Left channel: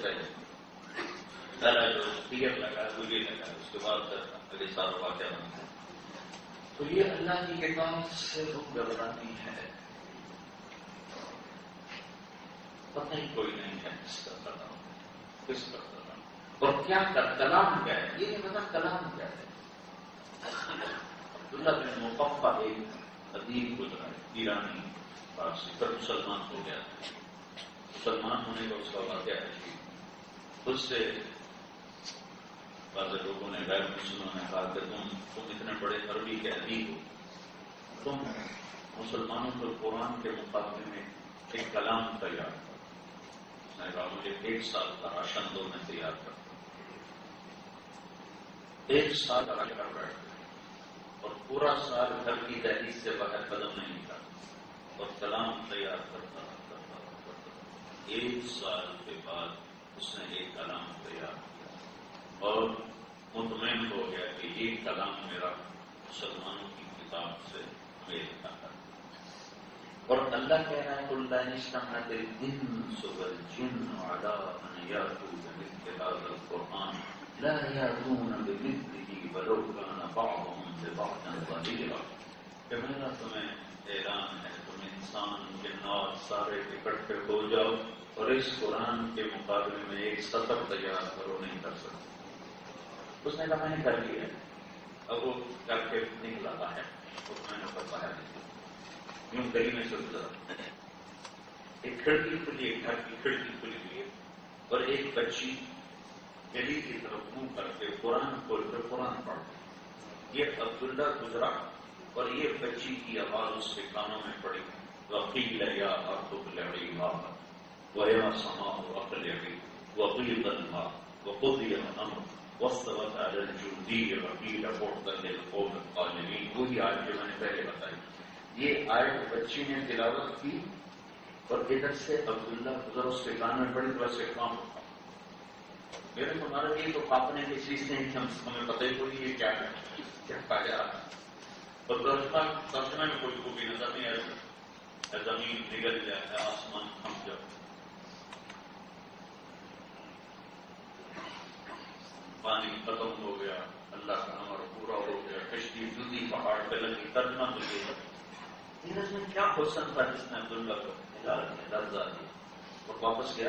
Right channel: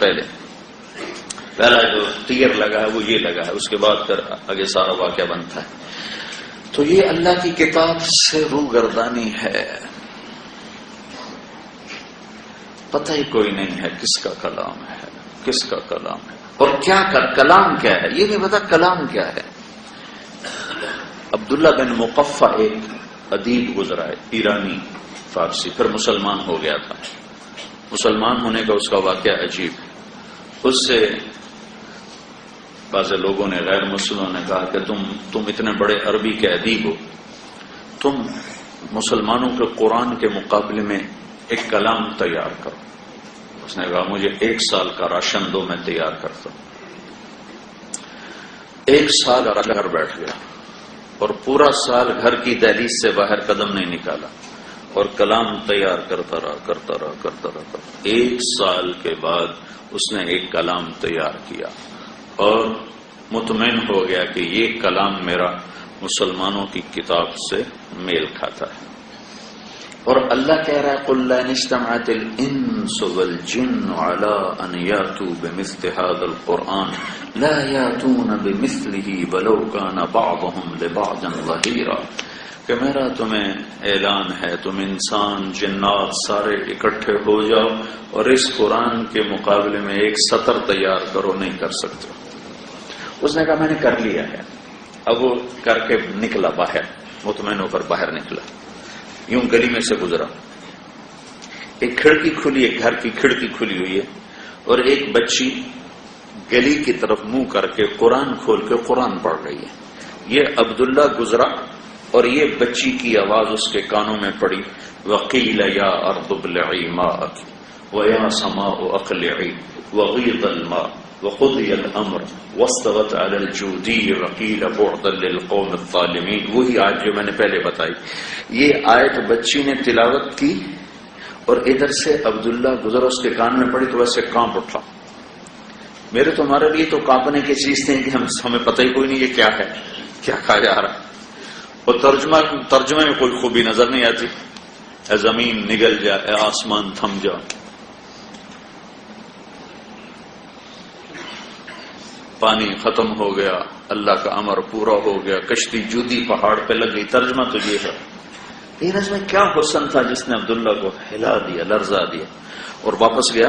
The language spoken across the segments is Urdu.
پہلا جو تیر لگا ہے وہ یہ لگا ہے، اس کے بعد پھر آگے سارا واقعہ بنتا ہے. تو یہ اللہ کی کتاب سے روگردانی ہے. پتہ ہی کوئی نہیں ہے کس کا کلام ہے، کس کا کلام ہے اور کیا کلام کیا ہے، یہ نہیں پتا کلام کیا ہے. عبداللہ بن مقفع ایک ادیب گزرا ہے، ایرانی فارسی، پھر مسلمان ہو گیا تھا. مسلمان ہونے کا اس کا واقعہ عجیب. اس سے بعض لوگوں نے، غیر مسلموں نے کہا کہ تم اتنے بڑے عربی کے ادیب ہو، تم مسلمانوں کے قرآن کے مقابلے میں ایک کلام تیار کرو. اس نے کہا مجھے 1 سال کا راشن دو، میں تیار کرتا ہوں. 1 سال گھر بیٹھ گیا اور پورا سال گھر کی دہلیز سے باہر قدم نہیں نکالا اور کلام تیار کرتا رہا. 1 سال کے بعد اس نے ایک کلام تیار کیا اور مطمئن ہو گیا کہ یہ کلام میرا مسلمانوں کی کتاب سے میل کھاتا ہے. اور اللہ کہہ رہا ہے قُلْ لَا اجْتَمَعَتِ الْإِنسُ وَالْجِنُّ عَلَىٰ أَنْ يَأْتُوا بِمِثْلِ هَٰذَا الْقُرْآنِ لَا يَأْتُونَ بِمِثْلِهِ وَلَوْ كَانَ بَعْضُهُمْ لِبَعْضٍ ظَهِيرًا. کہ میرا تمہیں اعلان ہے، تم انسان جنات سارے اکٹھے ہو جاؤ اور اس قرآن کے مقابلے میں ایک سطر تیار کرو، نہیں کر سکتے. اس نے کہا میں نے کر لیا ہے. اب وہ کر کے نکلا باہر، مطمئن ہو کر باہر نکلا. یوں گلی میں سے گزرا، ایک کھڑکی کھلی ہے، گھر کی کھڑکی کھلی ہوئی ہے اور ایک بچی گلی کی طرف منہ کر کے قرآن کھول کے قرآن پڑھ رہی ہے. یہ عبداللہ گزرا اور یہ بچی کی آواز اس کے کانوں میں پڑی، وَقِيلَ يَا أَرْضُ ابْلِعِي مَاءَكِ وَيَا سَمَاءُ أَقْلِعِي وَغِيضَ الْمَاءُ وَقُضِيَ الْأَمْرُ وَاسْتَوَتْ عَلَى الْجُودِيِّ وَقِيلَ بُعْدًا لِلْقَوْمِ الظَّالِمِينَ. وہی آیت جو میں نے پہلے بتائی. یہ آیت بچی نے تلاوت کی اور ادھر سے عبداللہ گزرا، اس کے کان میں پڑی تو ویسے کانپ اٹھا. میرے تمہارے لیے تو کانپنے کی چیز تھی کہ ہمیں پتہ ہی کوئی نہیں یہ کیا ہے، کیا کہا جا رہا ہے. اور ترجمے میں کوئی خوبی نظر نہیں آتی. اے زمین نگل جا، اے آسمان تھم جا. پانی ختم ہو گیا، اللہ کا امر پورا ہو گیا، کشتی جودی پہاڑ پہ لگ گئی. ترجمہ تو یہ ہے. یہ نظم میں کیا حسن تھا جس نے عبداللہ کو ہلا دیا، لرزا دیا. اور واپس گیا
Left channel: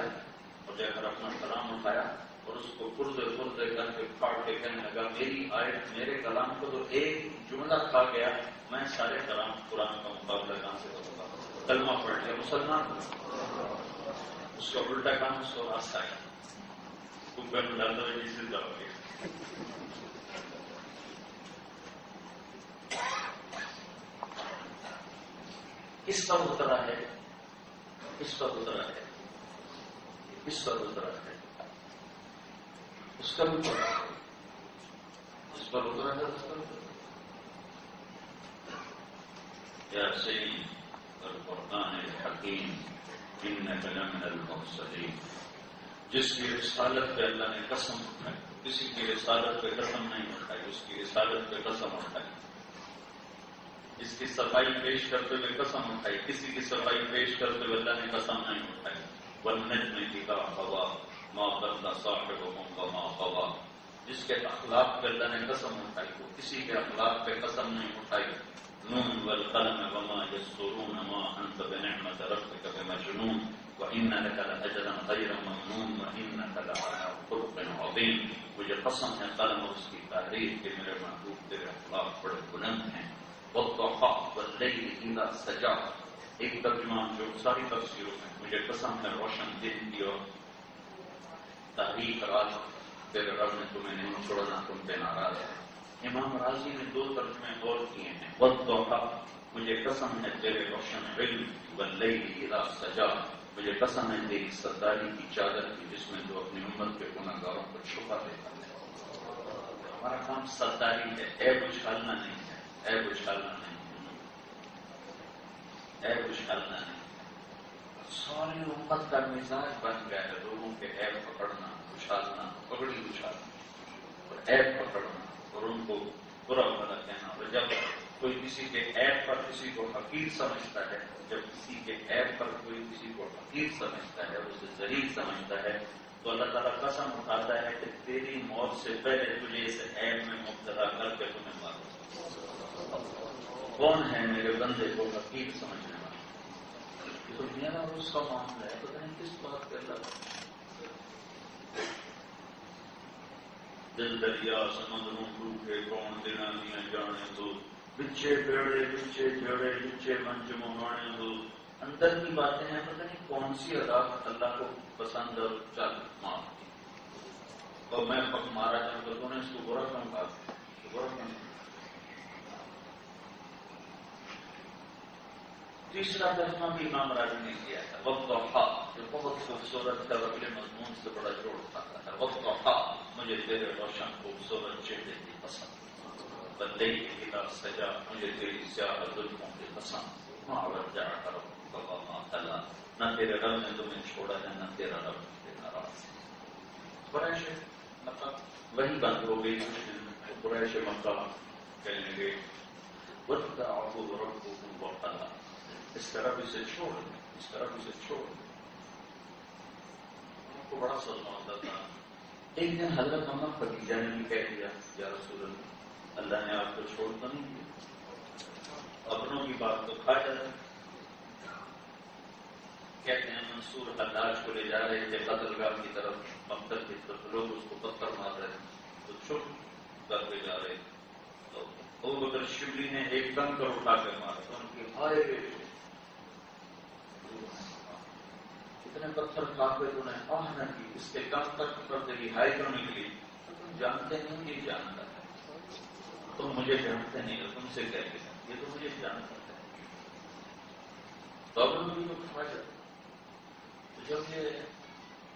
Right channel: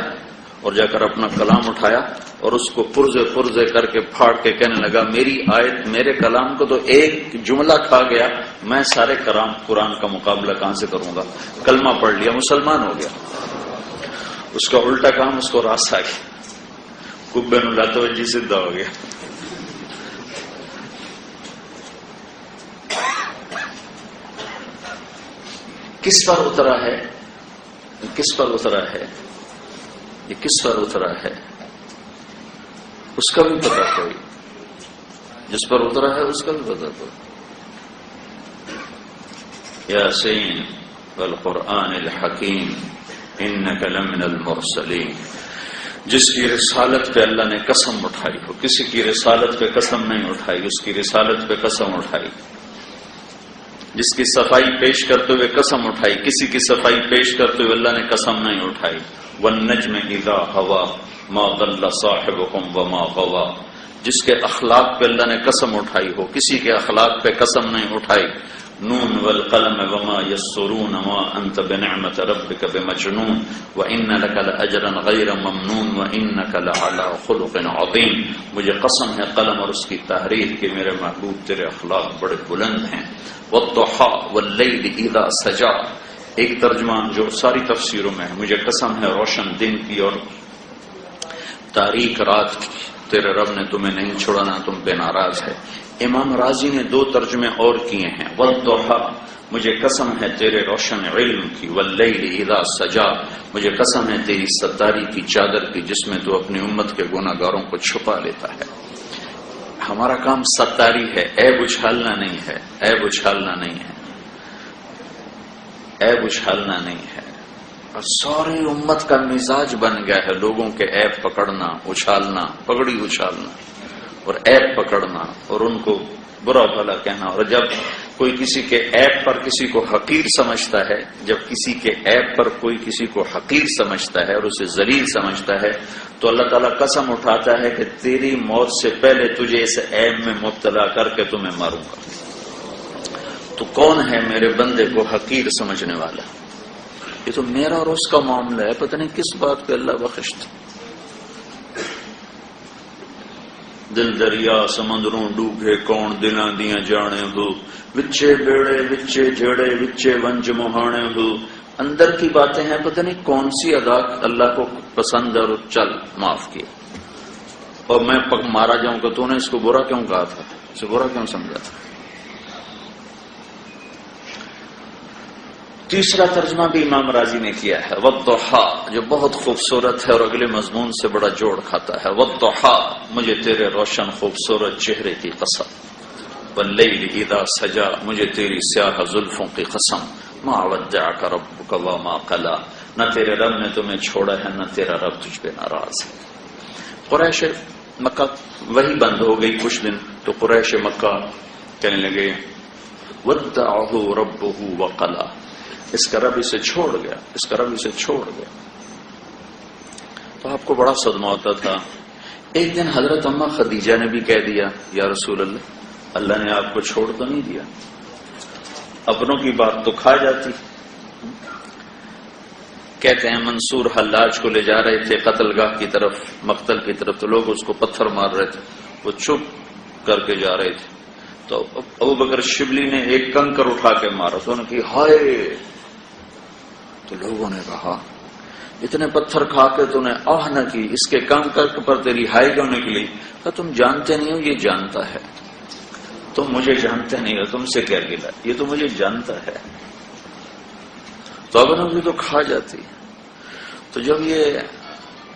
اور جا کر اپنا کلام اٹھایا اور اس کو پرزے کر کے پھاڑ کے کہنے لگا میری آیت، میرے کلام کو تو ایک جملہ کھا گیا، میں سارے قرآن کا مقابلہ کہاں سے کروں گا. کلمہ پڑھ لیا، مسلمان ہو گیا. اس کا الٹا کام اس کو راس آ گیا، کبے نو لاتا جی سیدھا ہو گیا. کس پر اترا ہے، کس پر اترا ہے، یہ کس پر اترا ہے اس کا بھی پتہ کوئی، جس پر اترا ہے اس کا بھی پتہ کوئی. یاسین والقرآن الحکیم انک لمن المرسلین. جس کی رسالت پہ اللہ نے قسم اٹھائی ہو، کسی کی رسالت پہ قسم نہیں اٹھائی، اس کی رسالت پہ قسم اٹھائی. جس کی صفائی پیش کرتے ہوئے قسم اٹھائی، کسی کی صفائی پیش کرتے ہوئے اللہ نے قسم نہیں اٹھائی. والنجم اذا ہوا ما ضل صاحبكم وما غوا. جس کے اخلاق پہ اللہ نے قسم اٹھائی ہو، کسی کے اخلاق پہ قسم نہیں اٹھائی. نون والقلم وما يسرون ما انت بنعمت ربك بمجنون وان لك لاجرا غير ممنون وانك لعلى خلق عظيم. مجھے قسم ہے قلم اور اس کی تحریر کہ میرے محبوب تیرے اخلاق بڑے بلند ہیں. والضحى والليل اذا سجى. ایک ترجمہ جو ساری تفسیروں میں ہے، مجھے قسم ہے روشن دن کی اور تاریک رات کی، تیرے رب نے تمہیں نہیں چھوڑانا، تم پہ ناراض ہے. امام راضی نے 2 ترجمے اور کیے ہیں. والضحى مجھے قسم ہے تیرے روشن علم کی. واللیل اذا سجا مجھے قسم ہے تیری ستاری کی چادر کی جس میں تو اپنی امت کے گناہ گاروں کو چھپا لیتا ہے. ہمارا کام ستاری ہے، عیب اچھالنا نہیں ہے، عیب اچھالنا نہیں ہے، عیب اچھالنا نہیں ہے. اور ساری امت کا مزاج بن گیا ہے لوگوں کے عیب پکڑنا، اچھالنا، پگڑی اچھالنا اور عیب پکڑنا اور ان کو برا بھلا کہنا. اور جب کوئی کسی کے عیب پر کسی کو حقیر سمجھتا ہے، جب کسی کے عیب پر کوئی کسی کو حقیر سمجھتا ہے اور اسے ذلیل سمجھتا ہے تو اللہ تعالیٰ قسم اٹھاتا ہے کہ تیری موت سے پہلے تجھے اس عیب میں مبتلا کر کے تمہیں ماروں گا. تو کون ہے میرے بندے کو حقیر سمجھنے والا؟ یہ تو میرا اور اس کا معاملہ ہے، پتہ نہیں کس بات پہ اللہ بخشتا. دل دریا سمندروں ڈوبے کون دلاں دیاں جانے ہو، وچے بیڑے وچے جڑے وچے ونج مہانے ہو. اندر کی باتیں ہیں، پتہ نہیں کون سی ادا اللہ کو پسند ہے اور چل معاف کیا. اور میں مارا جاؤں کہ تو نے اس کو برا کیوں کہا تھا، اسے برا کیوں سمجھا تھا. تیسرا ترجمہ بھی امام راضی نے کیا ہے والضحیٰ، جو بہت خوبصورت ہے اور اگلے مضمون سے بڑا جوڑ کھاتا ہے. والضحیٰ، مجھے تیرے روشن خوبصورت چہرے کی قسم. واللیل اذا سجا، مجھے تیری سیاہ زلفوں کی قسم. ما ودعک ربک وما قلی، نہ تیرے رب نے تمہیں چھوڑا ہے نہ تیرا رب تجھ پہ ناراض ہے. قریش مکہ وہی بند ہو گئی کچھ دن، تو قریش مکہ کہنے لگے ودعہ ربہ وقلی، اس کا رب اسے چھوڑ گیا، اس کا رب اسے چھوڑ گیا. تو آپ کو بڑا صدمہ ہوتا تھا. ایک دن حضرت اماں خدیجہ نے بھی کہہ دیا یا رسول اللہ، اللہ نے آپ کو چھوڑ تو نہیں دیا. اپنوں کی بات تو کھا جاتی. کہتے ہیں منصور حلاج کو لے جا رہے تھے قتل گاہ کی طرف، مقتل کی طرف، تو لوگ اس کو پتھر مار رہے تھے، وہ چپ کر کے جا رہے تھے. تو ابو بکر شبلی نے ایک کنکر اٹھا کے مارا، تو انہوں نے کہا ہائے. تو لوگوں نے کہا اتنے پتھر کھا کے تو نے آہ نہ کی، اس کے کنکر پر تیری ہائی کیوں نکلی؟ کہا تم جانتے نہیں ہو، یہ جانتا ہے. تم مجھے جانتے نہیں ہو، تم سے کیا گلا، یہ تو مجھے جانتا ہے. تو اب انہوں تو کھا جاتی. تو جب یہ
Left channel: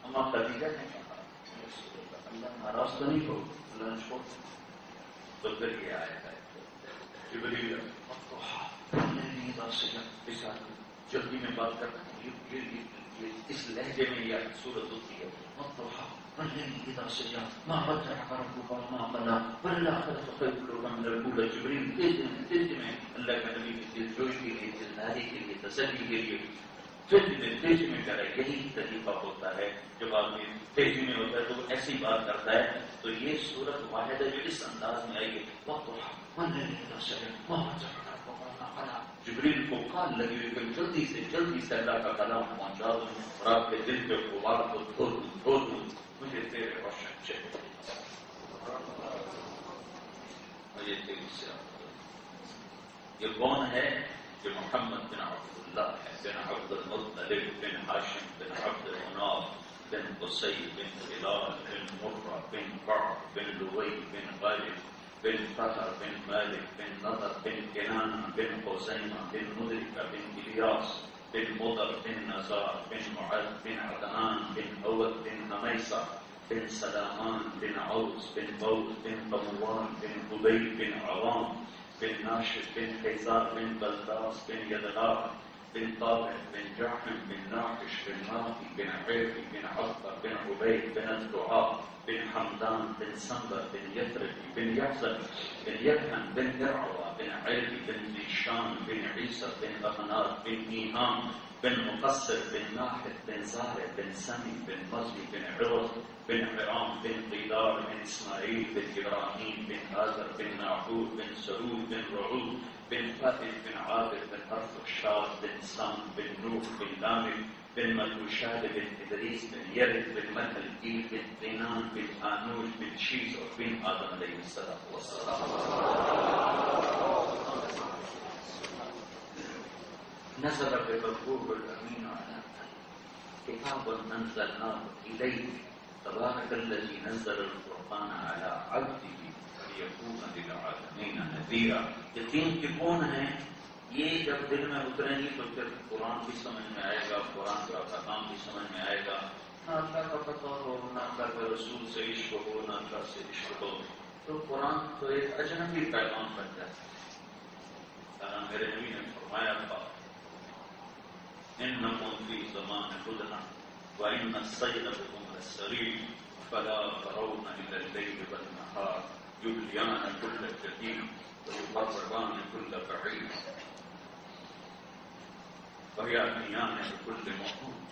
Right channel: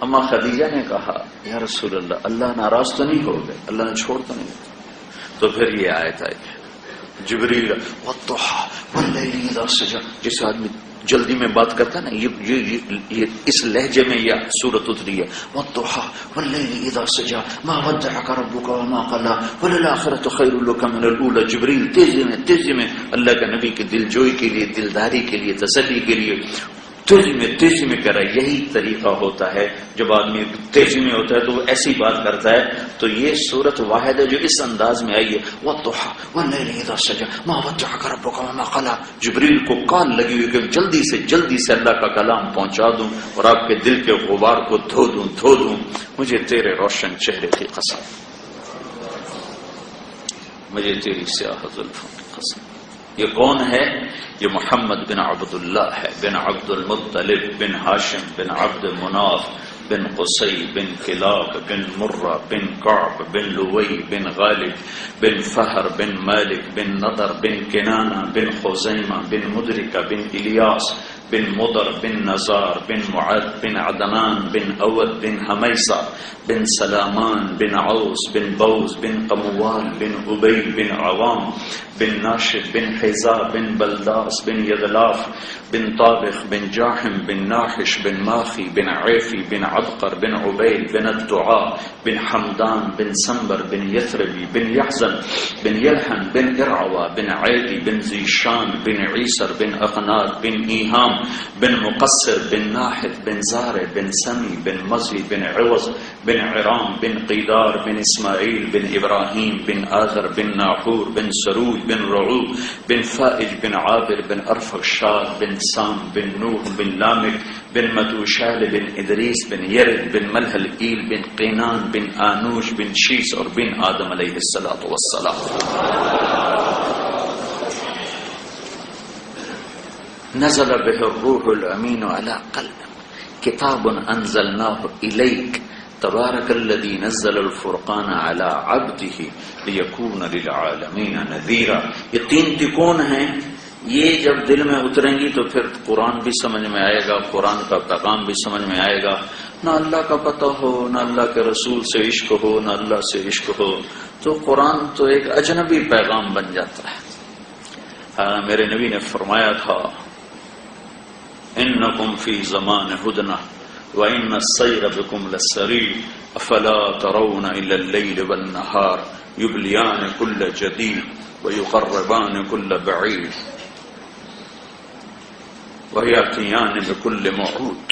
اما خدیجہ نے کہا یا رسول اللہ، اللہ ناراض تو نہیں ہو گئے، اللہ نے چھوڑ تو نہیں گئے، تو پھر یہ آیت آئی جبریل والضحیٰ واللیل اذا سجا. جس آدمی جلدی میں بات کرتا ہے نا، یہ اس لہجے میں یہ سورت اتری ہے. والضحیٰ واللیل اذا سجا ما ودعک ربک وما قلی وللآخرۃ خیر لک من الاولی. جبریل تیزی میں اللہ کے نبی کی دل جوئی کے لیے، دلداری کے لیے، تسلی کے لیے تیزی میں کر رہا ہے. یہی طریقہ ہوتا ہے جب آدمی تیزی میں ہوتا ہے تو وہ ایسی بات کرتا ہے. تو یہ صورت واحد ہے جو اس انداز میں آئی ہے والضحیٰ واللیل اذا سجا ما ودعک ربک وما قلی. جبریل کو کال لگی ہوئی کہ جلدی سے اللہ کا کلام پہنچا دوں اور آپ کے دل کے غبار کو دھو دوں. مجھے تیرے روشن چہرے کی قسم، مجھے تیری سیاہ زلفوں کی قسم. یہ کون ہے؟ یہ محمد بن عبداللہ ہے، بن عبد المطلب بن ہاشم بن عبد مناف بن قصی بن کلاب بن مرہ بن کعب بن لوی بن غالب بن فہر بن مالک بن نضر بن کنانہ بن خزیمہ بن مدرکہ بن الیاس بن مضر بن نزار بن معد بن عدنان بن اود بن حمیسہ بن سلامان بن عوس بن بوز بن قموال بن عبی بن عوام بن ناشد بن حیزا بن بلداس بن یدلاف بن طابخ بن جاحم بن ناحش بن ماخی بن عیفی بن عبقر بن عبید بن الدعاء بن حمدان بن سنبر بن یثربی بن یحزن بن یلحن بن ارعوا بن عیدی بن زیشان بن عیسر بن اقناد بن ایہام بن مقصر بن ناحد بن زارع بن سمی بن مزی بن عوض بن عرام بن قیدار بن اسماعیل بن ابراہیم بن آذر بن ناحور بن سروج بن رعوب بن فائج بن عابر بن ارفخشاد بن سام بن نوح بن لامک بن متوشال بن ادریس بن یرد بن ملحل ایل بن قینان بن آنوش بن شیس اور بن آدم علیہ السلام. نزل به الروح الامین علی قلبک کتاب انزلناه الیک تبارک الذی نزل الفرقان علی عبده لیکون للعالمین نذیرا. یہ تین تکون ہیں، یہ جب دل میں اتریں گی تو پھر قرآن بھی سمجھ میں آئے گا، قرآن کا پیغام بھی سمجھ میں آئے گا. نہ اللہ کا پتہ ہو، نہ اللہ کے رسول سے عشق ہو، نہ اللہ سے عشق ہو، تو قرآن تو ایک اجنبی پیغام بن جاتا ہے. میرے نبی نے فرمایا تھا انکم فی زمان ہدنہ وَإِنَّ السَّيْرَ بِكُمْ لَسَّرِيعٌ أَفَلَا تَرَوْنَ إِلَى اللَّيْلِ وَالنَّهَارِ يُبْلِيَانِ كُلَّ جَدِيدٍ وَيُقَرِّبَانِ كُلَّ بَعِيدٍ وَيَأْتِيَانِ بِكُلِّ مَوْعُودٍ.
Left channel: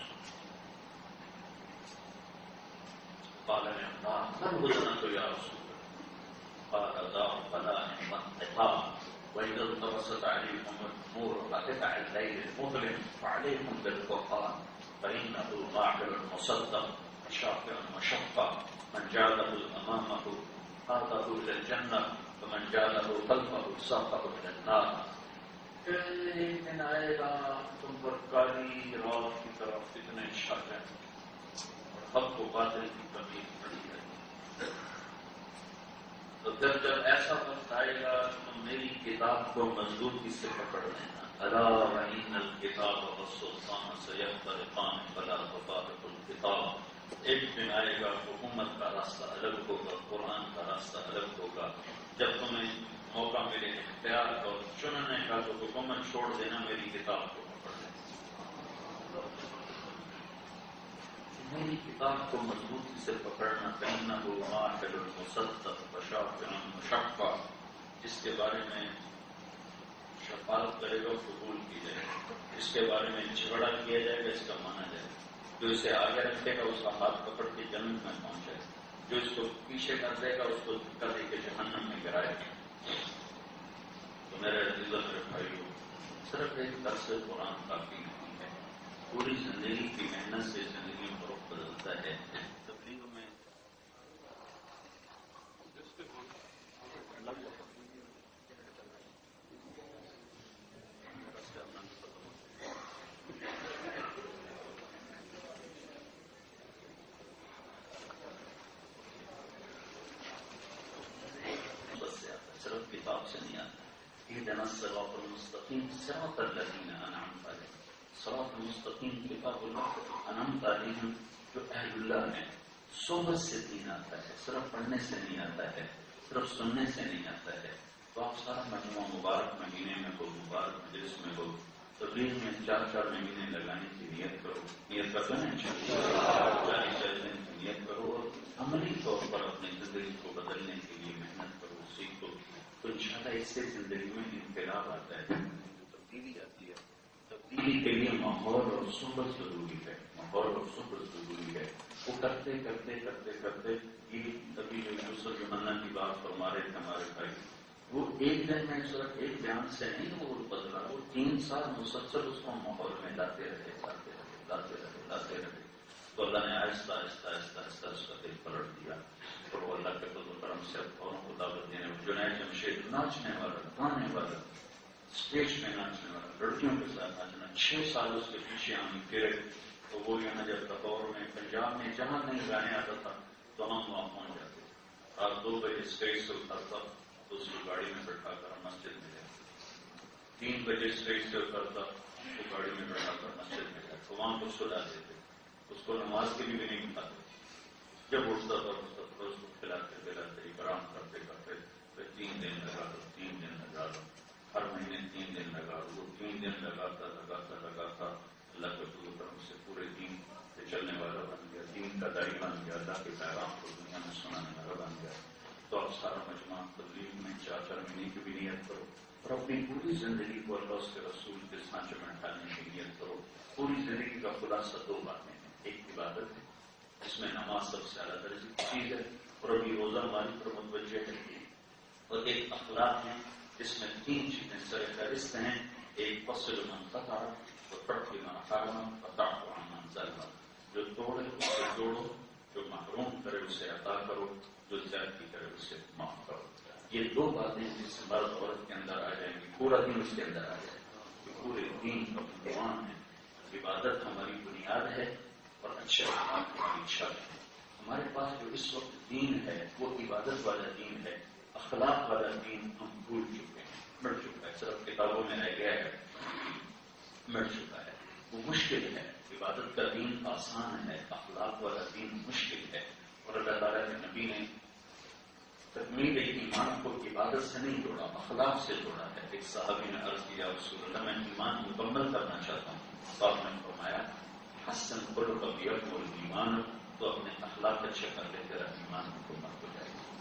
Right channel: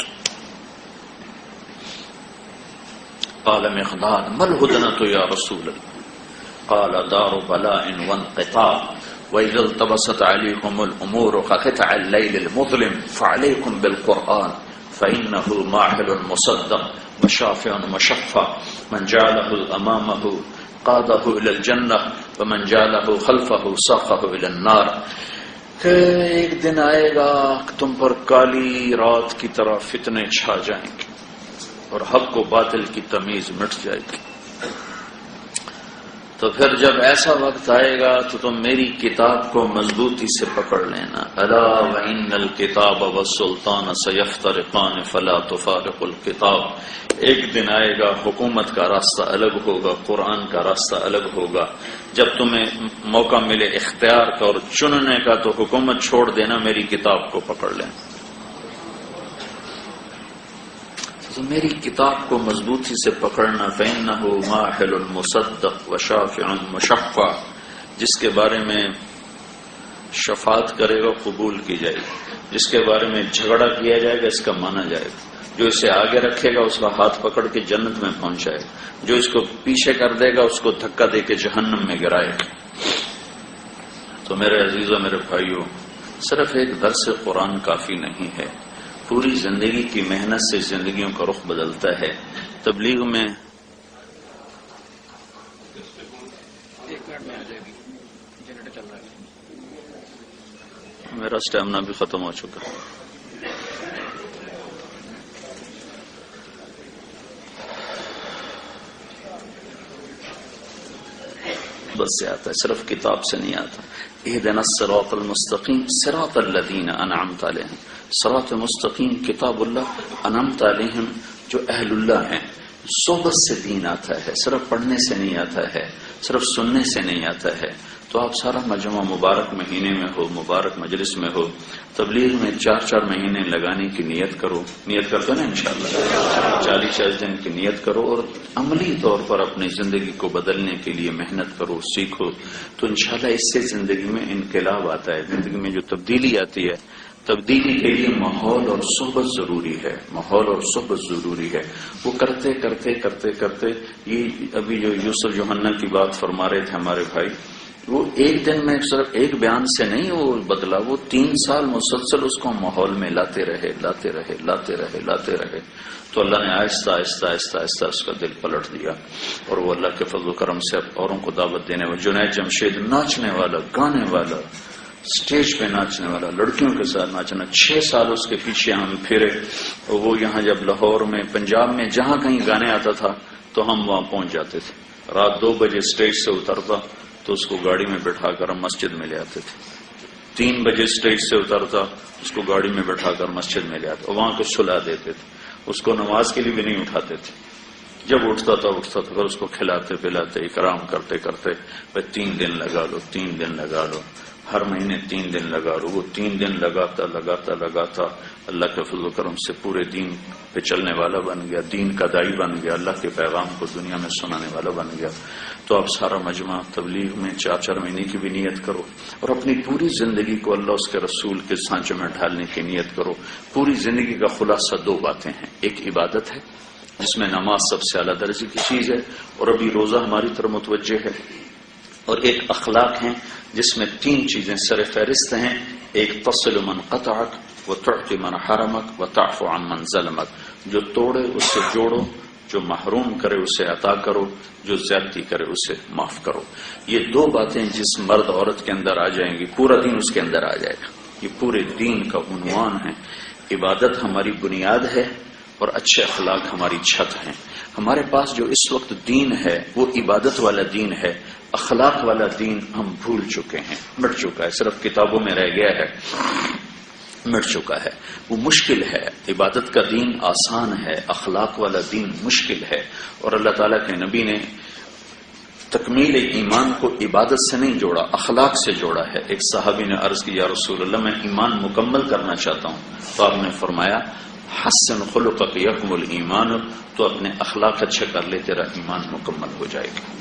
قال مقداد ما الهدنة يا رسول الله قال دار بلاء وانقطاع وإذا التبست عليكم الأمور كقطع الليل المظلم فعليكم بالقرآن فإنه ماحل مصدق وشافع مشفع من جعله أمامه قاده إلى الجنة ومن جعله خلفه ساقه إلى النار. کہ ایک دن آئے گا کہ تم پر کالی رات کی طرح فتنے چھا جائیں گے اور حق و باطل کی تمیز مٹ جائے گی. تو پھر جب ایسا وقت آئے گا تو تم میری کتاب کو مضبوطی سے پکڑ لینا. الا وان الکتاب والسلطان سیفترقان فلا تفارق الکتاب. ایک دن آئے گا حکومت کا راستہ الگ ہوگا، قرآن کا راستہ الگ ہوگا. جب تمہیں موقع ملے اختیار کا اور چننے کا تو حکومت چھوڑ دینا، میری کتاب کو پکڑ لینا. تو میری کتاب کو مضبوطی سے پکڑنا. فإنه ماحل مصدق وشافع مشفع. جس کے بارے میں شفاعت کرے گا قبول کی جائے گی، جس کے بارے میں جھگڑا کیا جائے گا اس کا مانا جائے گا. جو اسے آگے رکھے گا اس کا ہاتھ پکڑ کے جنت میں پہنچائے گا، جو اس کو پیچھے کر دے گا اس کو دھکا دے کے جہنم میں گرائے گا. تو میرے عزیزوں، میرے بھائیوں، صرف ایک درس قرآن کافی نہیں ہے. پوری زندگی کی محنت سے زندگیوں کا رخ بدلتا ہے. تبلیغ میں میرا اسٹیمنا بھی ختم ہو چکا ہے. بس سے آتا ہے، صرف کتاب سے نہیں آتا. اہدنا الصراط المستقیم صراط الذین انعمت علیہم. صراط مستقیم کتاب اللہ، انعمت علیہم جو اہل اللہ ہیں. صحبت سے دین آتا ہے، صرف پڑھنے سے نہیں آتا ہے، صرف سننے سے نہیں آتا ہے. تو آپ سارا مجمع مبارک مہینے میں ہو، مبارک مجلس میں ہو، تبلیغ میں 4 مہینے لگانے کی نیت کرو. نیت کرتے نا انشاءاللہ 40 دن کی نیت کرو اور عملی طور پر اپنی زندگی کو بدلنے کے لیے محنت کرو، سیکھو. تو انشاءاللہ اس سے زندگی میں انقلاب آتا ہے. زندگی میں جو تبدیلی آتی ہے، تبدیلی کے لیے ماحول اور صحبت ضروری ہے. ماحول اور صحبت ضروری ہے. وہ کرتے کرتے کرتے کرتے یہ ابھی جو یوسف یوحنا کی بات فرما رہے تھے ہمارے بھائی، وہ ایک دن میں صرف ایک بیان سے نہیں وہ بدلا. وہ 3 سال مسلسل اس کو ماحول میں لاتے رہے. تو اللہ نے آہستہ آہستہ آہستہ آہستہ اس کا دل پلٹ دیا اور وہ اللہ کے فضل و کرم سے اوروں کو دعوت دینے والا. جنید جمشید ناچنے والا، گانے والا، اسٹیج پہ ناچنے والا، لڑکیوں کے ساتھ ناچنا. 6 سال اس کے پیچھے ہم پھرے. وہ یہاں جب لاہور میں، پنجاب میں جہاں کہیں گانے آتا تھا تو ہم وہاں پہنچ جاتے تھے. رات 2 بجے اسٹیج سے اترتا تو اس کو گاڑی میں بٹھا کر ہم مسجد میں لے آتے تھے. 3 بجے اسٹیج سے اترتا، اس کو گاڑی میں بٹھا کر مسجد میں لے آتے اور وہاں کو سلا دیتے تھے. اس کو نماز کے لیے بھی نہیں اٹھاتے تھے. جب اٹھتا تھا پھر اس کو کھلاتے پلاتے اکرام کرتے کرتے 3 دن لگا لو، 3 دن لگا لو، ہر مہینے 3 دن لگا لو. وہ 3 دن لگاتا اللہ کے فضل و کرم سے پورے دین پہ چلنے والا بن گیا، دین کا داعی بن گیا، اللہ کے پیغام کو دنیا میں سنانے والا بن گیا. تو آپ سارا مجمع تبلیغ میں 4 مہینے کی بھی نیت کرو اور اپنی پوری زندگی کو اللہ اس کے رسول کے سانچے میں ڈھالنے کی نیت کرو. پوری زندگی کا خلاصہ 2 باتیں ہیں. ایک عبادت ہے جس میں نماز سب سے اعلیٰ درجے کی چیز ہے اور ابھی روزہ ہماری طرف متوجہ ہے. اور ایک اخلاق ہیں جس میں 3 چیزیں سر فہرست ہیں. ایک تصل من قطعک وتعطی من حرمک وتعفو عن من ظلمک. جو توڑے اس سے جوڑو، جو محروم کرے اسے عطا کرو، جو زیادتی کرے اسے معاف کرو. یہ 2 باتیں جس مرد عورت کے اندر آ جائیں گی پورا دین اس کے اندر آ جائے گا. یہ پورے دین کا عنوان ہے. عبادت ہماری بنیاد ہے اور اچھے اخلاق ہماری چھت ہیں. ہمارے پاس جو اس وقت دین ہے وہ عبادت والا دین ہے. اخلاق والا دین ہم بھول چکے ہیں، مٹ چکا ہے، صرف کتابوں میں رہ گیا ہے، مٹ چکا ہے. وہ مشکل ہے. عبادت کا دین آسان ہے، اخلاق والا دین مشکل ہے. اور اللہ تعالیٰ کے نبی نے تکمیل ایمان کو عبادت سے نہیں جوڑا، اخلاق سے جوڑا ہے. ایک صحابی نے عرض کی یا رسول اللہ میں ایمان مکمل کرنا چاہتا ہوں. تو آپ نے فرمایا حسن خلقک یکمل ایمان. تو اپنے اخلاق اچھے کر لے، تیرا ایمان مکمل ہو جائے گا.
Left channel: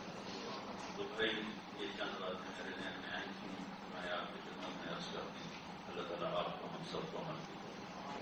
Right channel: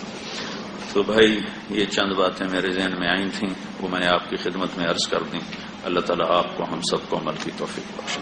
تو بھائی یہ چند باتیں میرے ذہن میں آئی تھیں، وہ میں نے آپ کی خدمت میں عرض کر دیں. اللہ تعالیٰ آپ کو ہم سب کو عمل کی توفیق بخشے.